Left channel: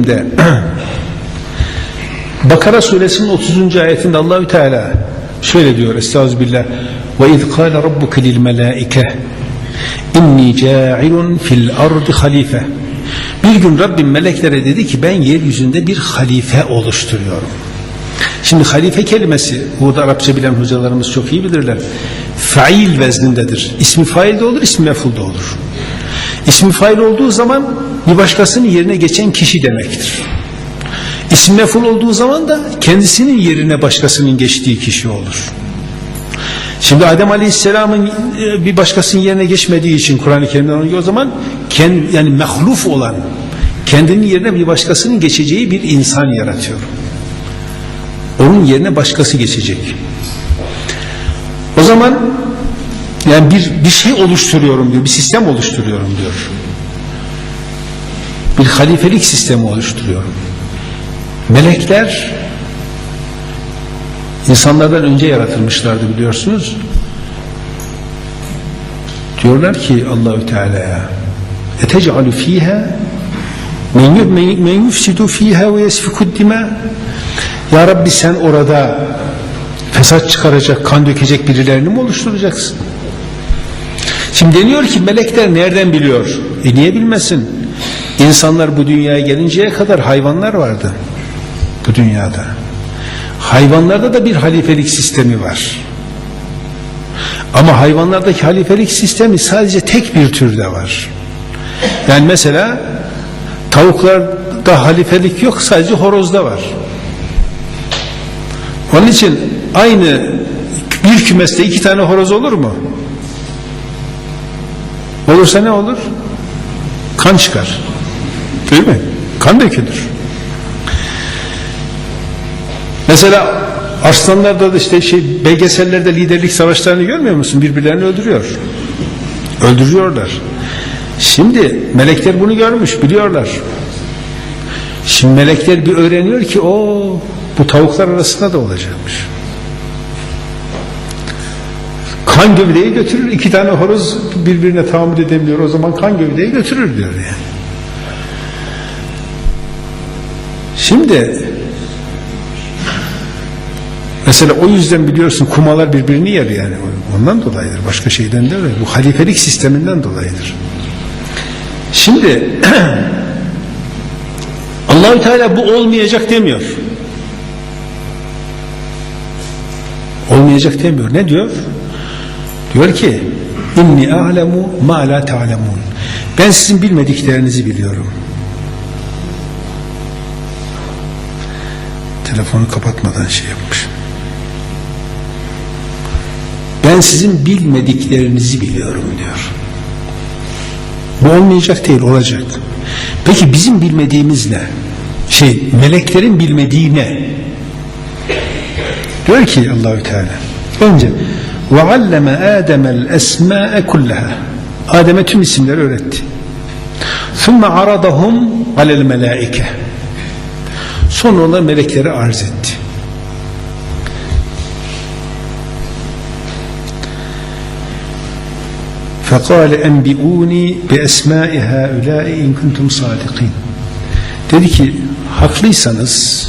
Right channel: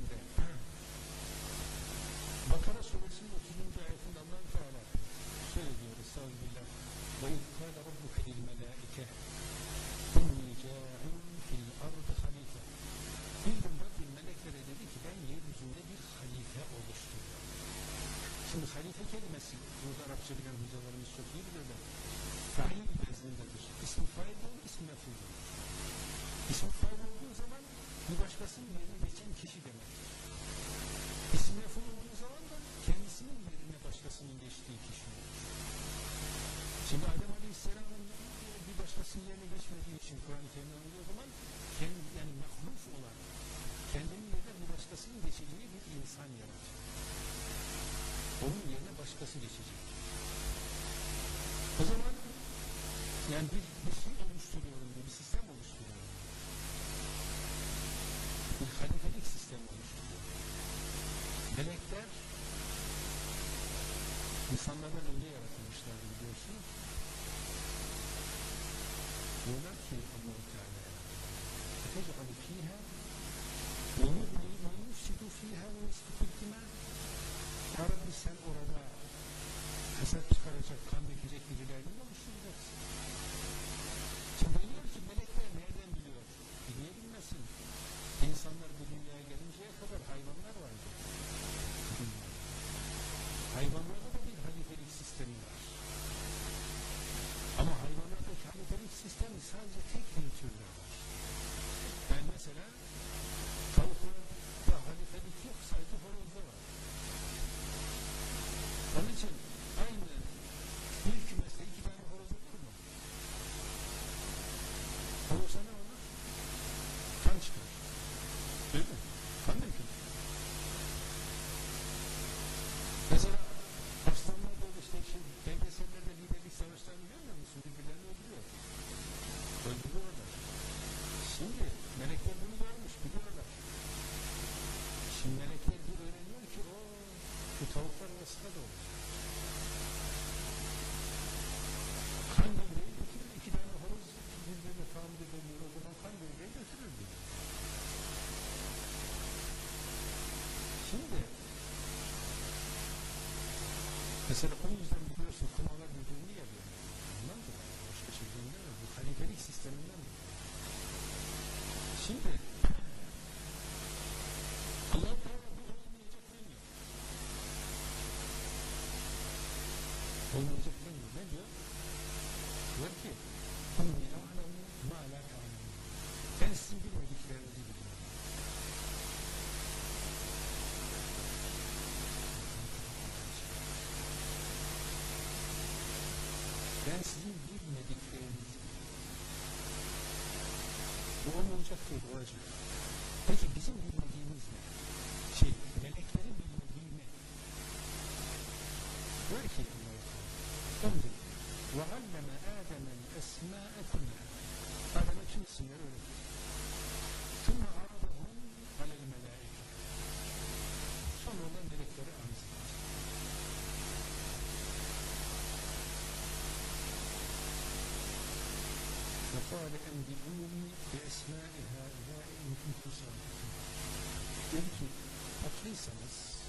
de. Bakara suresinin 30. ayetinde Allahü Teala şöyle diyor Estağfirullah. Ve iz kâle rabbuke lil melâike inni câilun fil ardı halife bir gün Rabbim meleklere dedi ki ben yeryüzünde bir halife oluşturuyorum. Şimdi halife kelimesi burada Arapça bilen hocalarımız çok iyi bilirler. Fail veznindedir ismi fail de olur ismi meful de olur İsmi fail olduğu zaman bir başkasının yerine geçen kişi demektir. İsim meful olduğu zaman da kendisinin yerine başkasının geçtiği kişi olur. Şimdi Adem Aleyhisselam'ın e, bir başkasının yerine geçmediği için Kur'an-ı Kerim'den oluyor o zaman kendi, yani mehluf olan kendinin yerine bir başkasının geçeceği bir insan yaratıyor. Onun yerine başkası geçecek. O zaman yani bir bir şey oluşturuyorum diyor, bir sistem oluşturuyorum diyor. Bir halifelik sistemi oluşturuyorum. Melekler insanlardan önce yaratılmışlardı biliyorsunuz. Diyorlar ki Allahü Teala'ya etec'alu fiha men yu- men- men yufsidu fiha ve yesfiku dima Ya Rabbi sen orada fesat çıkaracak, kan dökecek birilerini mi oluşturacaksın? Şimdi deniyor ki melekler nereden biliyor? E niye bilmesin? İnsanlar bu dünyaya gelinceye kadar hayvanlar vardı bu dünyada. Hayvanlarda da bir halifelik sistemi var. Ama hayvanlardaki halifelik sistemi sadece tek bir türde var. Yani mesela tavuklarda halifelik yok sadece horozda var. Onun için aynı bir kümeste iki tane horoz olur mu? Olursa ne olur? Kan çıkar. Değil mi? Kan dökülür. Mesela aslanlarda da işte şey belgesellerde liderlik savaşlarını görmüyor musun? Birbirlerini öldürüyor. Öldürüyorlar. Şimdi melekler bunu görmüş, biliyorlar. Şimdi melekler bir öğreniyor ki o bu tavuklar arasında da olacakmış. Kan gövdeyi götürür. iki tane horoz birbirine tahammül edemiyor. O zaman kan gövdeyi götürür diyor yani. Şimdi mesela o yüzden biliyorsun kumalar birbirini yer yani. Ondan dolayıdır. Başka şeyden de öyle. Bu halifelik sisteminden dolayıdır. Şimdi Allahü Teala bu olmayacak demiyor. Olmayacak demiyor. Ne diyor? Diyor ki inni a'lemu ma la ta'lemun. Ben sizin bilmediklerinizi biliyorum. Telefonu kapatmadan şey yapmış. Ben sizin bilmediklerinizi biliyorum diyor. Bu olmayacak değil, olacak. Peki bizim bilmediğimiz ne? Şey, meleklerin bilmediği ne? Diyor ki Allahü Teala. Önce ve alleme Adem'el esma'e kullaha. Adem'e tüm isimleri öğretti. Sümme aradahum alel melaike. Sonra ona melekleri arz etti. Fekale enbi'uni bi esma'i haulâi in kuntum sadikin. Dedi ki haklıysanız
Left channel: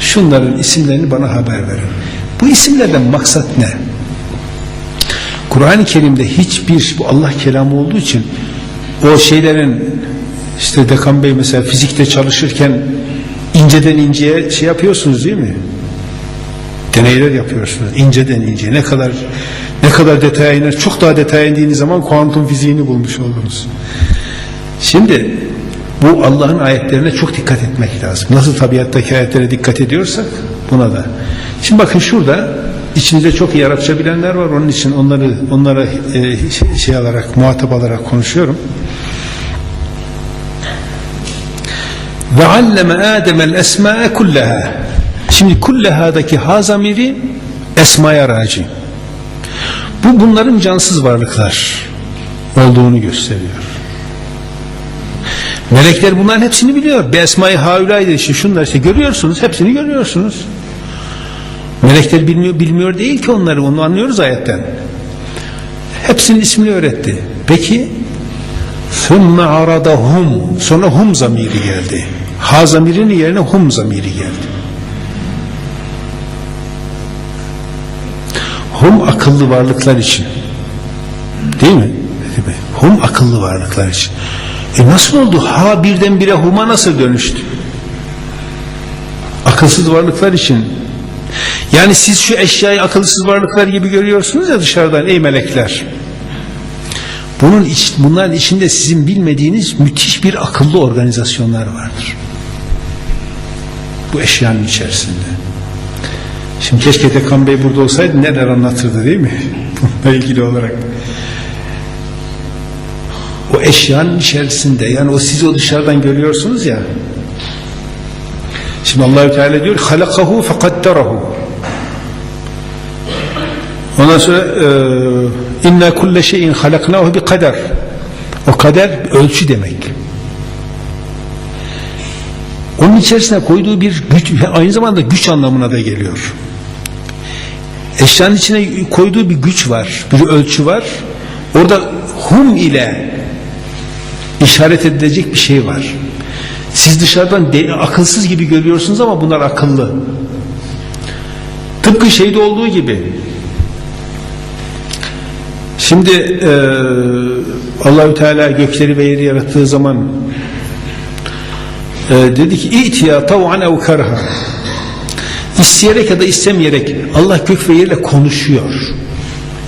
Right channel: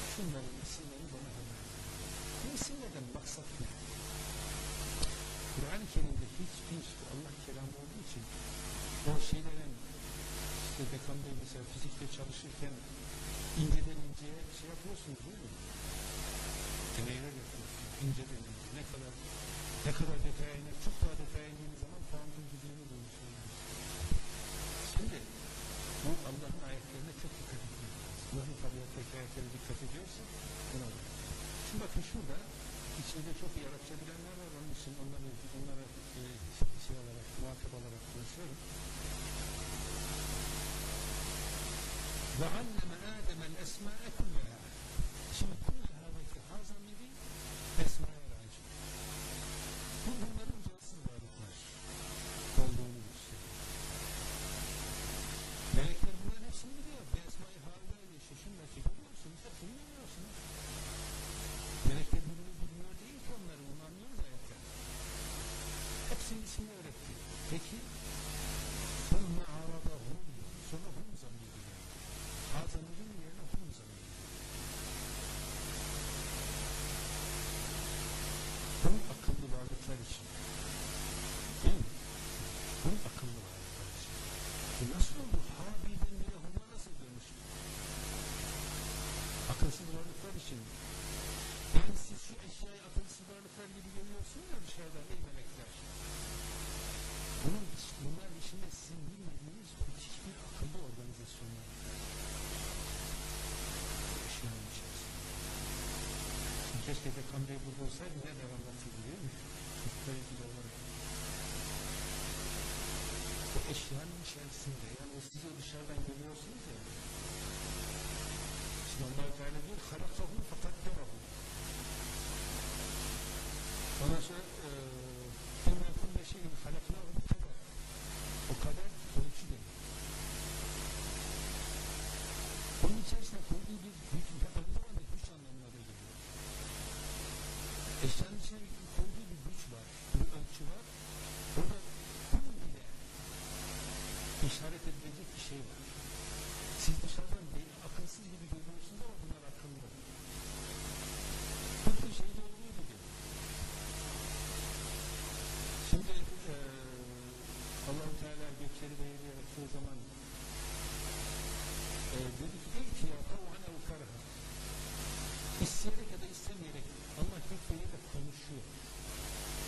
şunların isimlerini bana haber verin. Bu isimlerden maksat ne? Kur'an-ı Kerim'de hiçbir bu Allah kelamı olduğu için o şeylerin işte Dekan Bey mesela fizikte çalışırken inceden inceye şey yapıyorsunuz değil mi? Deneyler yapıyorsunuz inceden inceye ne kadar ne kadar detaya iner çok daha detaya indiğiniz zaman kuantum fiziğini bulmuş oldunuz. Şimdi bu Allah'ın ayetlerine çok dikkat etmek lazım. Nasıl tabiattaki ayetlere dikkat ediyorsak buna da. Şimdi bakın şurada içinizde çok iyi Arapça bilenler var. Onun için onları onlara e, şey, alarak muhatap alarak konuşuyorum. Ve alleme Adem'el esma'e kullaha. Şimdi kullaha'daki ha zamiri esmaya raci. Bu bunların cansız varlıklar olduğunu gösteriyor. Melekler bunların hepsini biliyor. Be esma-i haulâydı işte şunlar işte görüyorsunuz. Hepsini görüyorsunuz. Melekler bilmiyor, bilmiyor değil ki onları. Onu anlıyoruz ayetten. Hepsinin ismini öğretti. Peki ثُمَّ عَرَضَهُمْ Sonra hum zamiri geldi. Ha zamirinin yerine hum zamiri geldi. Hum akıllı varlıklar için. Değil mi? Değil mi? Hum akıllı varlıklar için. E nasıl oldu? Ha birdenbire huma nasıl dönüştü? Akılsız varlıklar için. yani siz şu eşyayı akılsız varlıklar gibi görüyorsunuz ya dışarıdan ey melekler. Bunun iç, bunların içinde sizin bilmediğiniz müthiş bir akıllı organizasyonlar vardır. Bu eşyanın içerisinde. Şimdi keşke Dekan Bey burada olsaydı neler anlatırdı değil mi? Bununla ilgili olarak. O eşyanın içerisinde yani o siz o dışarıdan görüyorsunuz ya. Şimdi Allahü Teala diyor halakahu fekadderahu. Ondan sonra e, inna kulle şeyin halaknahu bi kader. O kader ölçü demek. Onun içerisine koyduğu bir güç, aynı zamanda güç anlamına da geliyor. Eşyanın içine koyduğu bir güç var, bir ölçü var. Orada hum ile işaret edilecek bir şey var. Siz dışarıdan akılsız gibi görüyorsunuz ama bunlar akıllı. Tıpkı şeyde olduğu gibi. Şimdi e, Allahü Teala gökleri ve yeri yarattığı zaman e, dedi ki İtiya tav'an ev karha İsteyerek ya da istemeyerek Allah gök ve yerle konuşuyor.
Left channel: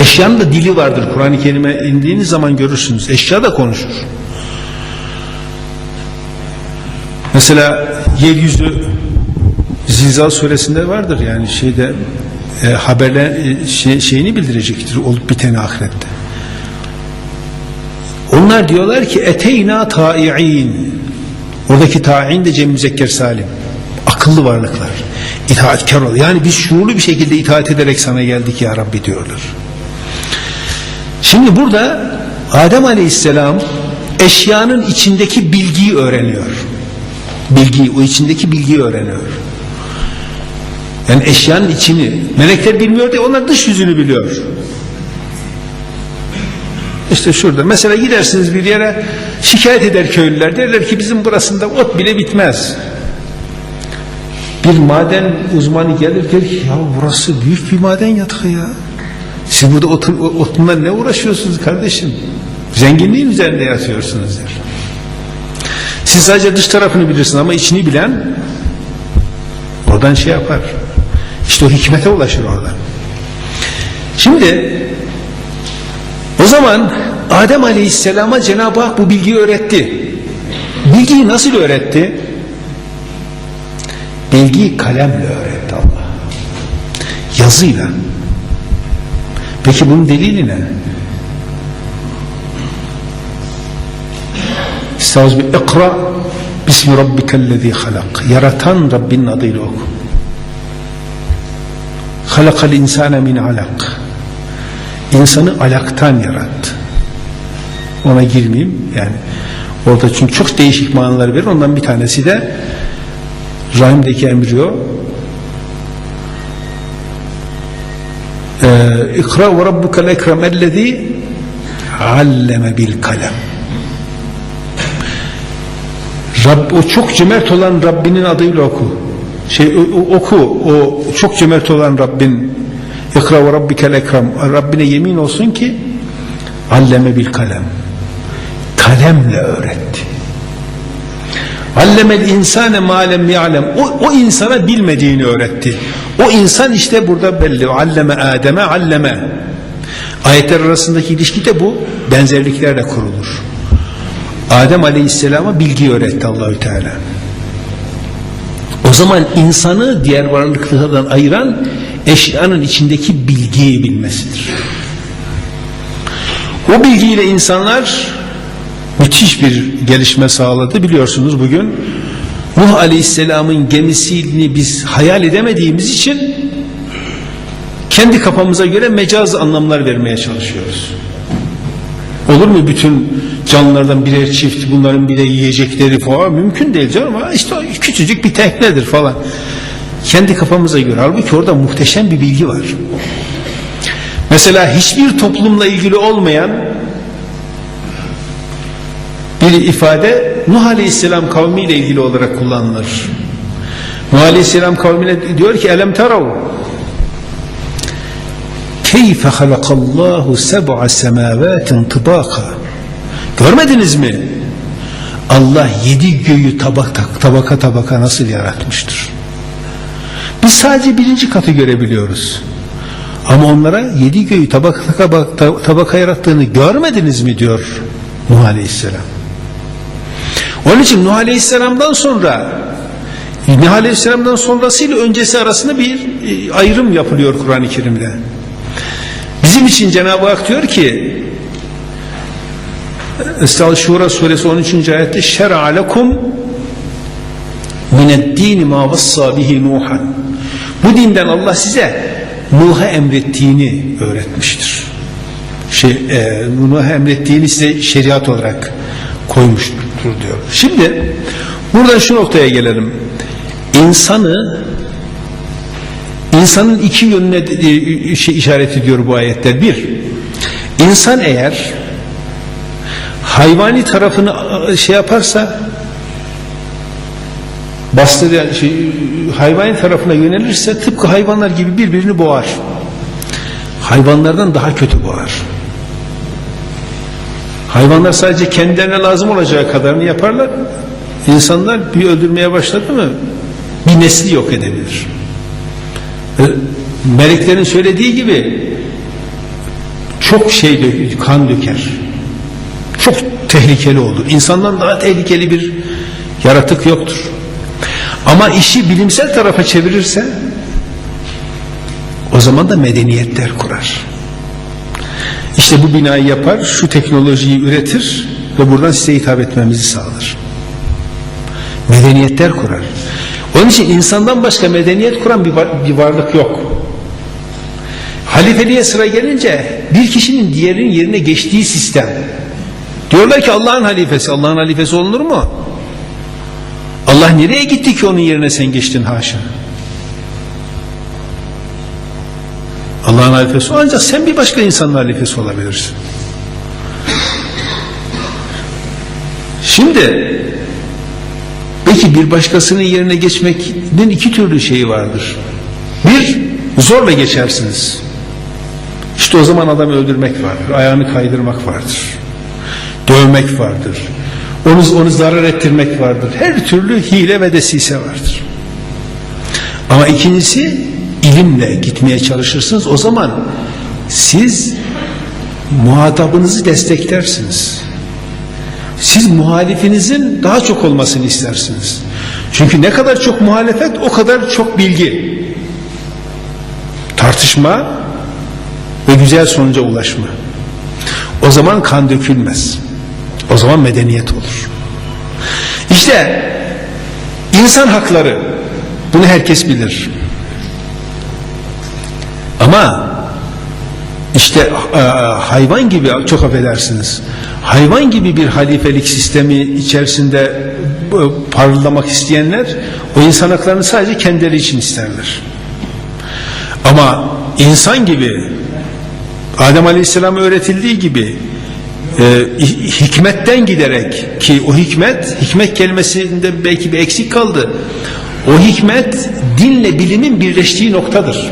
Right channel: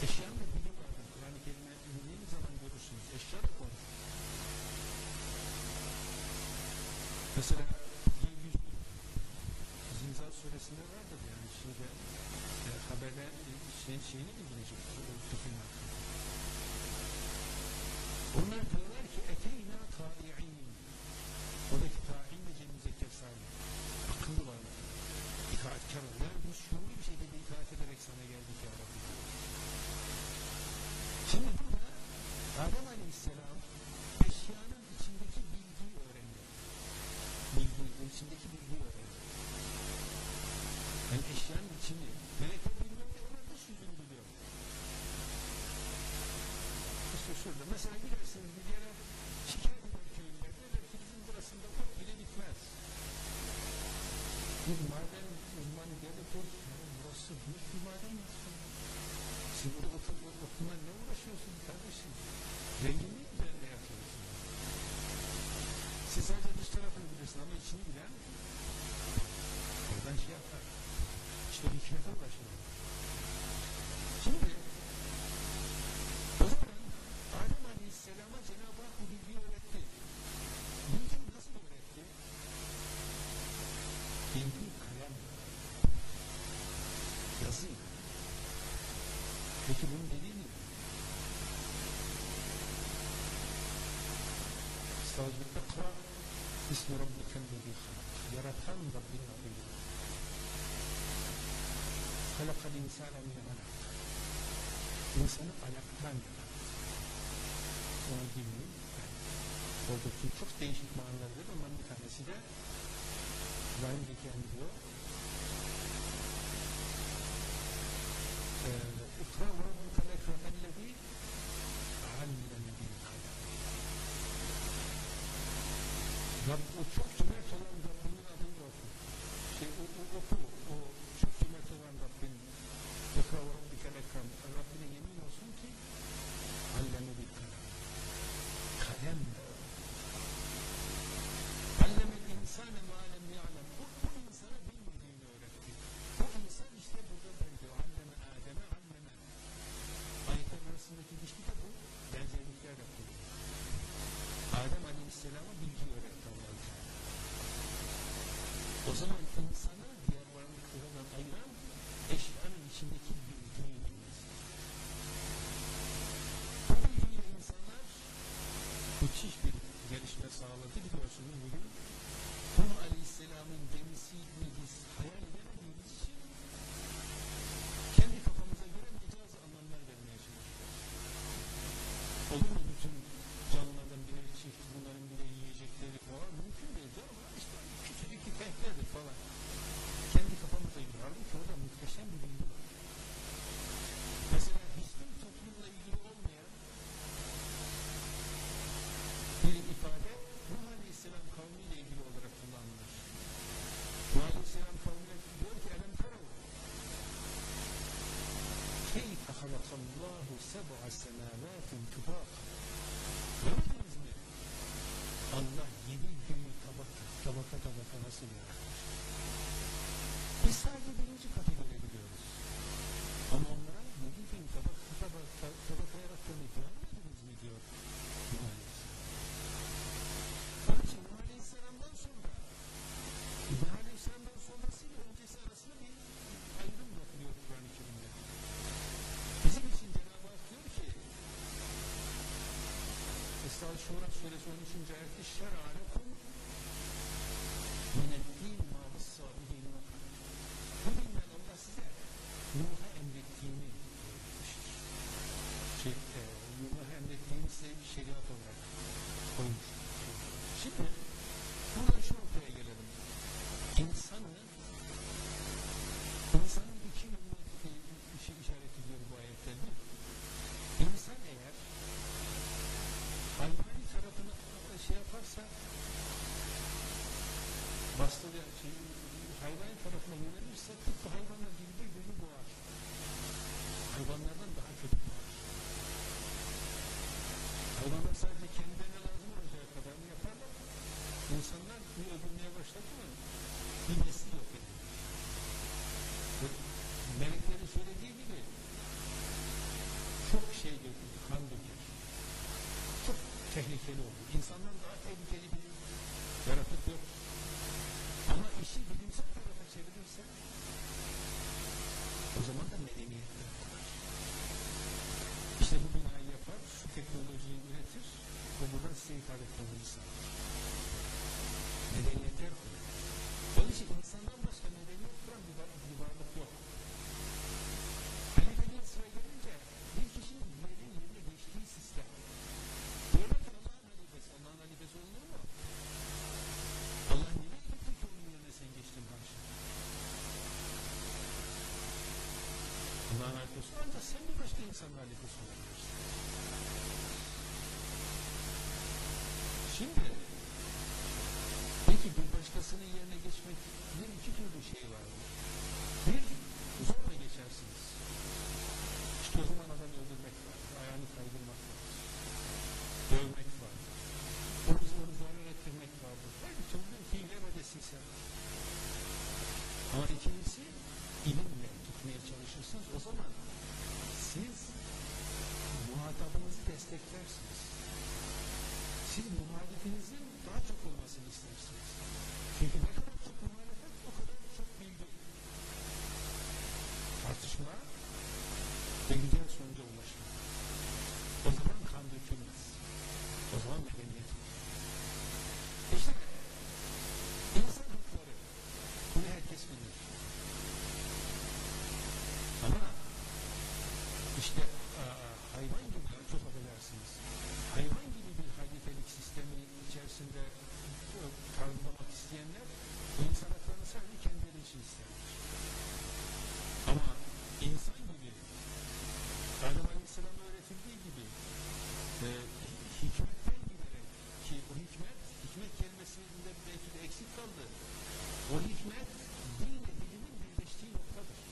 Eşyanın da dili vardır. Kur'an-ı Kerim'e indiğiniz zaman görürsünüz. Eşya da konuşur. Mesela yeryüzü Zilzal suresinde vardır yani şeyde e, haberler e, şey, şeyini bildirecektir olup biteni ahirette. Onlar diyorlar ki eteyna ta'i'in oradaki ta'i'in de Cem Müzekker Salim akıllı varlıklar itaatkar ol. Yani biz şuurlu bir şekilde itaat ederek sana geldik ya Rabbi diyorlar. Şimdi burada Adem Aleyhisselam eşyanın içindeki bilgiyi öğreniyor. Bilgiyi, o içindeki bilgiyi öğreniyor. Yani eşyanın içini, melekler bilmiyor diye onlar dış yüzünü biliyor. İşte şurada. Mesela gidersiniz bir yere şikayet eder köylüler. Derler ki bizim burasında ot bile bitmez. Bir maden uzmanı gelir der ki ya burası büyük bir maden yatığı ya. Siz burada otun, otunla ne uğraşıyorsunuz kardeşim? Zenginliğin üzerinde yatıyorsunuz der. Siz sadece dış tarafını bilirsiniz ama içini bilen oradan şey yapar. İşte o hikmete ulaşır oradan. Şimdi o zaman Adem Aleyhisselam'a Cenab-ı Hak bu bilgiyi öğretti. Bilgiyi nasıl öğretti? Bilgiyi kalemle öğretti Allah. Yazıyla. Peki bunun delili ne? Estağuz bir ikra Bismi rabbikellezi halak. Yaratan Rabbinin adıyla oku. Halakal insane min alak. İnsanı alaktan yarattı. Ona girmeyeyim. Yani orada çünkü çok değişik manalar verir. Ondan bir tanesi de rahimdeki embriyo ee, İkra ve rabbukel ekrem ellezî alleme bil kalem Rab, o çok cömert olan Rabbinin adıyla oku. Şey o, oku. O çok cömert olan Rabbin İkra ve rabbikel ekrem. Rabbine yemin olsun ki alleme bil kalem. Kalemle öğretti. Allemel insane malem ya'lem. O, o insana bilmediğini öğretti. O insan işte burada belli. Alleme Adem'e alleme. Ayetler arasındaki ilişki de bu benzerliklerle kurulur. Adem Aleyhisselam'a bilgi öğretti Allahü Teala. O zaman insanı diğer varlıklardan ayıran eşyanın içindeki bilgiyi bilmesidir. O bilgiyle insanlar müthiş bir gelişme sağladı. Biliyorsunuz bugün Nuh Aleyhisselam'ın gemisini biz hayal edemediğimiz için kendi kafamıza göre mecaz anlamlar vermeye çalışıyoruz. Olur mu bütün canlılardan birer çift bunların bir de yiyecekleri falan mümkün değil canım ama işte küçücük bir teknedir falan. Kendi kafamıza göre halbuki orada muhteşem bir bilgi var. Mesela hiçbir toplumla ilgili olmayan bir ifade Nuh Aleyhisselam kavmiyle ilgili olarak kullanılır. Nuh Aleyhisselam kavmine diyor ki elem terav keyfe halakallahu seb'a semavatin tıbaka görmediniz mi? Allah yedi göğü tabaka tabaka tabaka nasıl yaratmıştır? Biz sadece birinci katı görebiliyoruz. Ama onlara yedi göğü tabaka tabaka, tabaka yarattığını görmediniz mi diyor Nuh Aleyhisselam. Onun için Nuh Aleyhisselam'dan sonra Nuh Aleyhisselam'dan sonrasıyla öncesi arasında bir e, ayrım yapılıyor Kur'an-ı Kerim'de. Bizim için Cenab-ı Hak diyor ki Estağfirullah Şura suresi 13. ayette şer'a lekum mined dini ma vassa bihi Nuhan. Bu dinden Allah size Nuh'a emrettiğini öğretmiştir. Şey, e, Nuh'a emrettiğini size şeriat olarak koymuştur diyor. Şimdi buradan şu noktaya gelelim. İnsanı insanın iki yönüne e, şey işaret ediyor bu ayetler. Bir, insan eğer hayvani tarafını e, şey yaparsa bastırı şey, hayvani tarafına yönelirse tıpkı hayvanlar gibi birbirini boğar. Hayvanlardan daha kötü boğar. Hayvanlar sadece kendilerine lazım olacağı kadarını yaparlar. İnsanlar bir öldürmeye başladı mı bir nesli yok edebilir. E, Meleklerin söylediği gibi çok şey kan döker. Çok tehlikeli olur. İnsandan daha tehlikeli bir yaratık yoktur. Ama işi bilimsel tarafa çevirirse o zaman da medeniyetler kurar. İşte bu binayı yapar, şu teknolojiyi üretir ve buradan size hitap etmemizi sağlar. Medeniyetler kurar. Onun için insandan başka medeniyet kuran bir, bir varlık yok. Halifeliğe sıra gelince bir kişinin diğerinin yerine geçtiği sistem. Diyorlar ki Allah'ın halifesi. Allah'ın halifesi olunur mu? Allah nereye gitti ki onun yerine sen geçtin haşa? Allah'ın halifesi ancak sen bir başka insanın halifesi olabilirsin. Şimdi peki bir başkasının yerine geçmenin iki türlü şeyi vardır. Bir, zorla geçersiniz. İşte o zaman adamı öldürmek vardır, ayağını kaydırmak vardır, dövmek vardır, onu, onu zarar ettirmek vardır. Her türlü hile ve desise vardır. Ama ikincisi ilimle gitmeye çalışırsınız. O zaman siz muhatabınızı desteklersiniz. Siz muhalifinizin daha çok olmasını istersiniz. Çünkü ne kadar çok muhalefet o kadar çok bilgi. Tartışma ve güzel sonuca ulaşma. O zaman kan dökülmez. O zaman medeniyet olur. İşte insan hakları bunu herkes bilir. Ama işte hayvan gibi çok affedersiniz. Hayvan gibi bir halifelik sistemi içerisinde e, parlamak isteyenler o insan haklarını sadece kendileri için isterler. Ama insan gibi Adem Aleyhisselam'a öğretildiği gibi e, hikmetten giderek ki o hikmet hikmet kelimesinde belki bir eksik kaldı. O hikmet dinle bilimin birleştiği noktadır.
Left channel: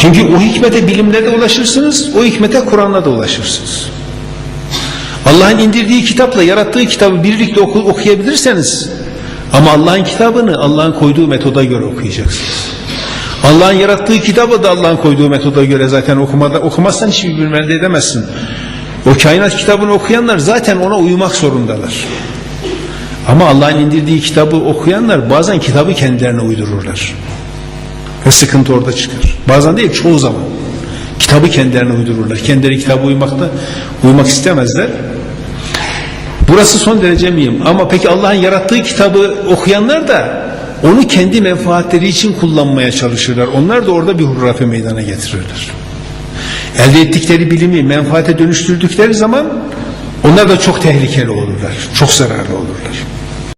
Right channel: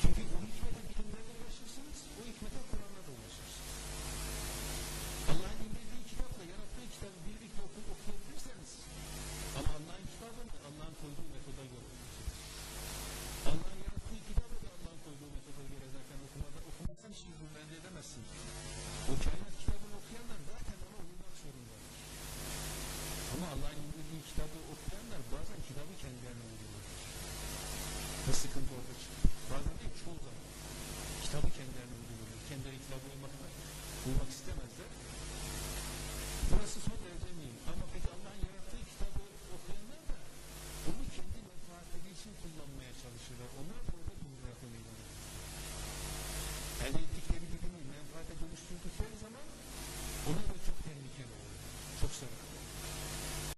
Çünkü o hikmete bilimle de ulaşırsınız, o hikmete Kur'an'la da ulaşırsınız. Allah'ın indirdiği kitapla yarattığı kitabı birlikte oku, okuyabilirseniz ama Allah'ın kitabını Allah'ın koyduğu metoda göre okuyacaksınız. Allah'ın yarattığı kitabı da Allah'ın koyduğu metoda göre zaten okumada, okumazsan hiçbir bilim elde edemezsin. O kainat kitabını okuyanlar zaten ona uymak zorundalar. Ama Allah'ın indirdiği kitabı okuyanlar bazen kitabı kendilerine uydururlar. Ve sıkıntı orada çıkar. Bazen değil çoğu zaman. Kitabı kendilerine uydururlar. Kendileri kitaba uymakta uymak istemezler. Burası son derece mühim. Ama peki Allah'ın yarattığı kitabı okuyanlar da onu kendi menfaatleri için kullanmaya çalışırlar. Onlar da orada bir hurrafe meydana getirirler. Elde ettikleri bilimi menfaate dönüştürdükleri zaman onlar da çok tehlikeli olurlar. Çok zararlı olurlar.